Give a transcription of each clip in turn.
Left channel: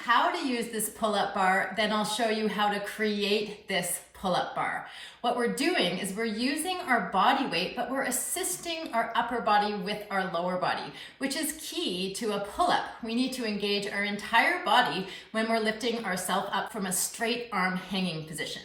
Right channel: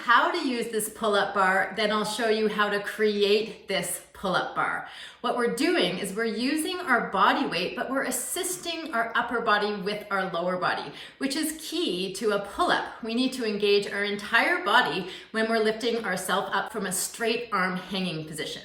how to use this pull-up bar, then I'll show you how to create this pull-up bar. What we're doing is we're using our body weight, but we're assisting our upper body with our lower body, which is key to a pull-up. We need to engage our entire body when we're lifting ourselves up from a straight arm hanging position.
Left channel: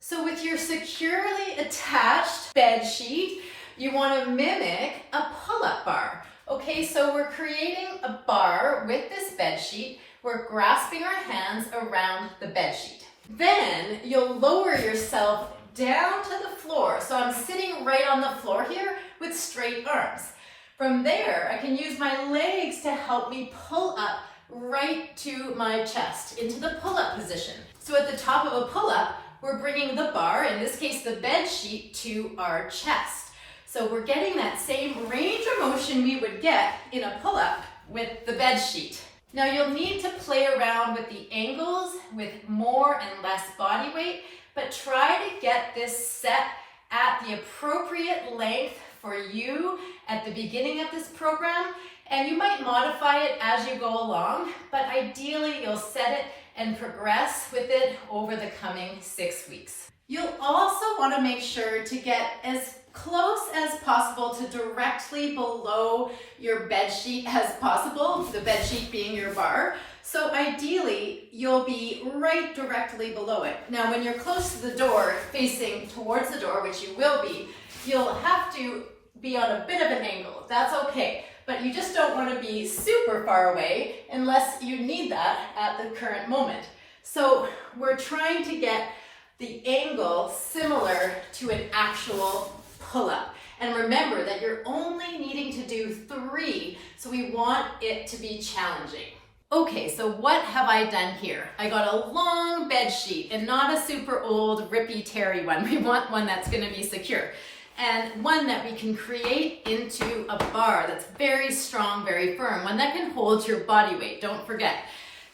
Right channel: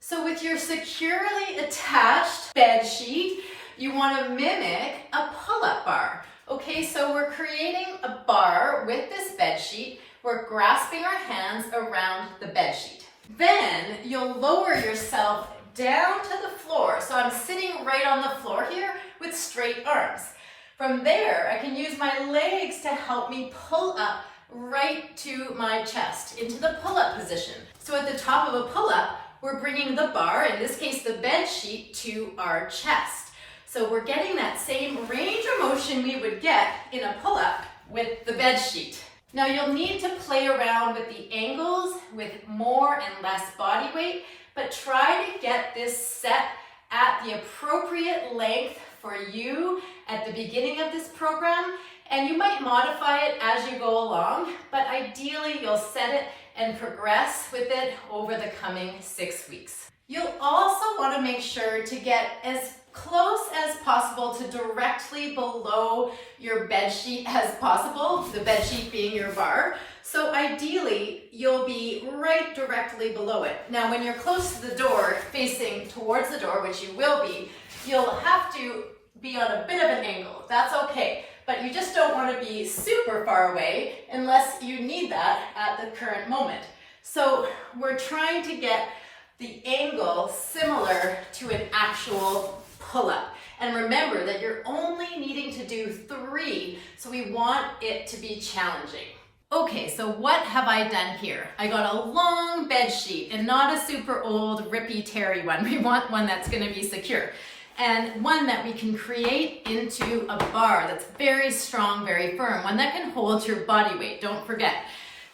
So with your securely attached bed sheet, you want to mimic a pull-up bar. Okay, so we're creating a bar with this bed sheet. We're grasping our hands around the bed sheet. Then you'll lower yourself down to the floor. So I'm sitting right on the floor here with straight arms. From there, I can use my legs to help me pull up right to my chest into the pull-up position. So at the top of a pull-up, we're bringing the bar, in this case the bed sheet, to our chest. So we're getting that same range of motion we would get in a pull-up with the bed sheet. Now you'll need to play around with the angles with more and less body weight, but try to get this set at the appropriate length for you at the beginning of this program, and you might modify it as you go along, but ideally you'll set it and progress with it over the coming 6 weeks. You'll also want to make sure to get as close as possible to directly below your bed sheet as possible, the bed sheet being your bar. So ideally, you'll be right directly below it. Now, when you're close to the door, facing towards the door, which you will be, you'll have to be on a bit of an angle. That's okay, but you just don't want to be super far away unless you need that at the current moment. So we're trying to get the angle similar to an actual pull-up. And remember that you're only needing to do 3, so we want it to be challenging. Okay, so what have I done here? I got a long bed sheet and not a super old rippy-teary one. We want one that's going to be secure. And one that we can create into a bar that's very strong, very firm, one that can hold your body weight, don't forget.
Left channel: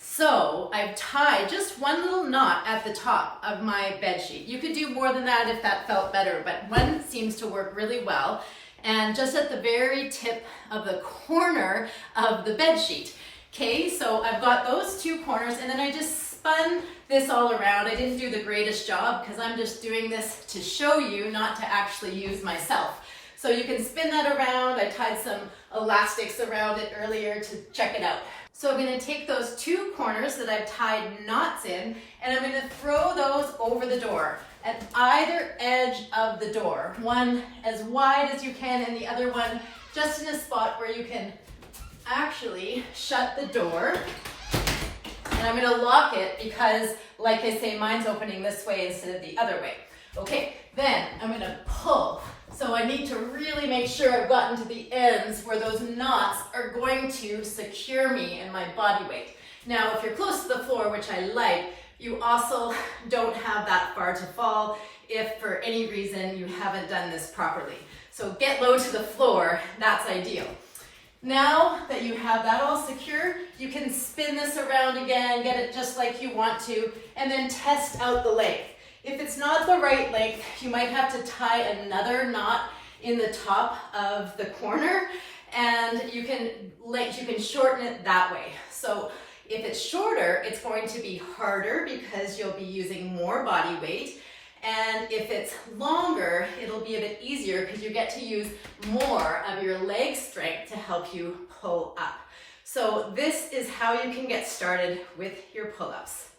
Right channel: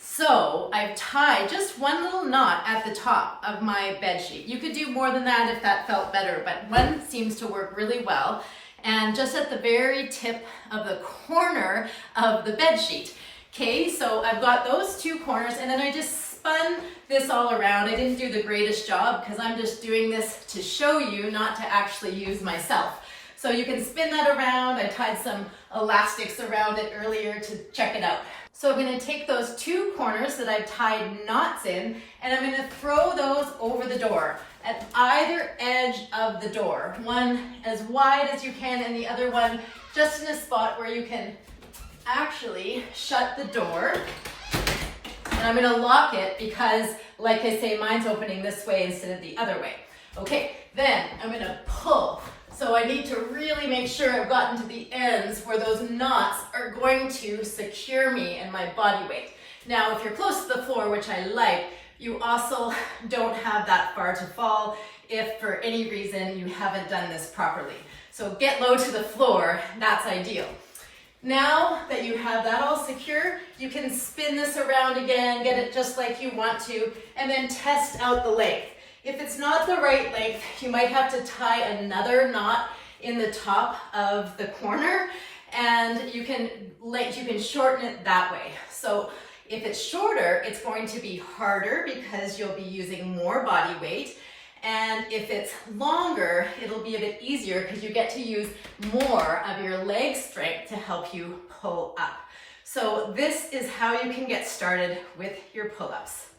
So I've tied just one little knot at the top of my bed sheet. You could do more than that if that felt better, but one seems to work really well. And just at the very tip of the corner of the bed sheet. Okay, so I've got those 2 corners, and then I just spun this all around. I didn't do the greatest job because I'm just doing this to show you, not to actually use myself. So you can spin that around. I tied some elastics around it earlier to check it out. So I'm going to take those 2 corners that I've tied knots in, and I'm going to throw those over the door at either edge of the door. One as wide as you can, and the other one just in a spot where you can actually shut the door. And I'm going to lock it because, like I say, mine's opening this way instead of the other way. Okay, then I'm going to pull. So I need to really make sure I've gotten to the ends where those knots are going to secure me and my body weight. Now, if you're close to the floor, which I like, you also don't have that far to fall if for any reason you haven't done this properly. So get low to the floor, that's ideal. Now that you have that all secure, you can spin this around again, get it just like you want to, and then test out the length. If it's not the right length, you might have to tie another knot in the top of the corner, and you can shorten it that way. So if it's shorter, it's going to be harder because you'll be using more body weight. And if it's longer, it'll be a bit easier because you get to use more of your leg strength to help you pull up. So this is how you can get started with your pull-ups.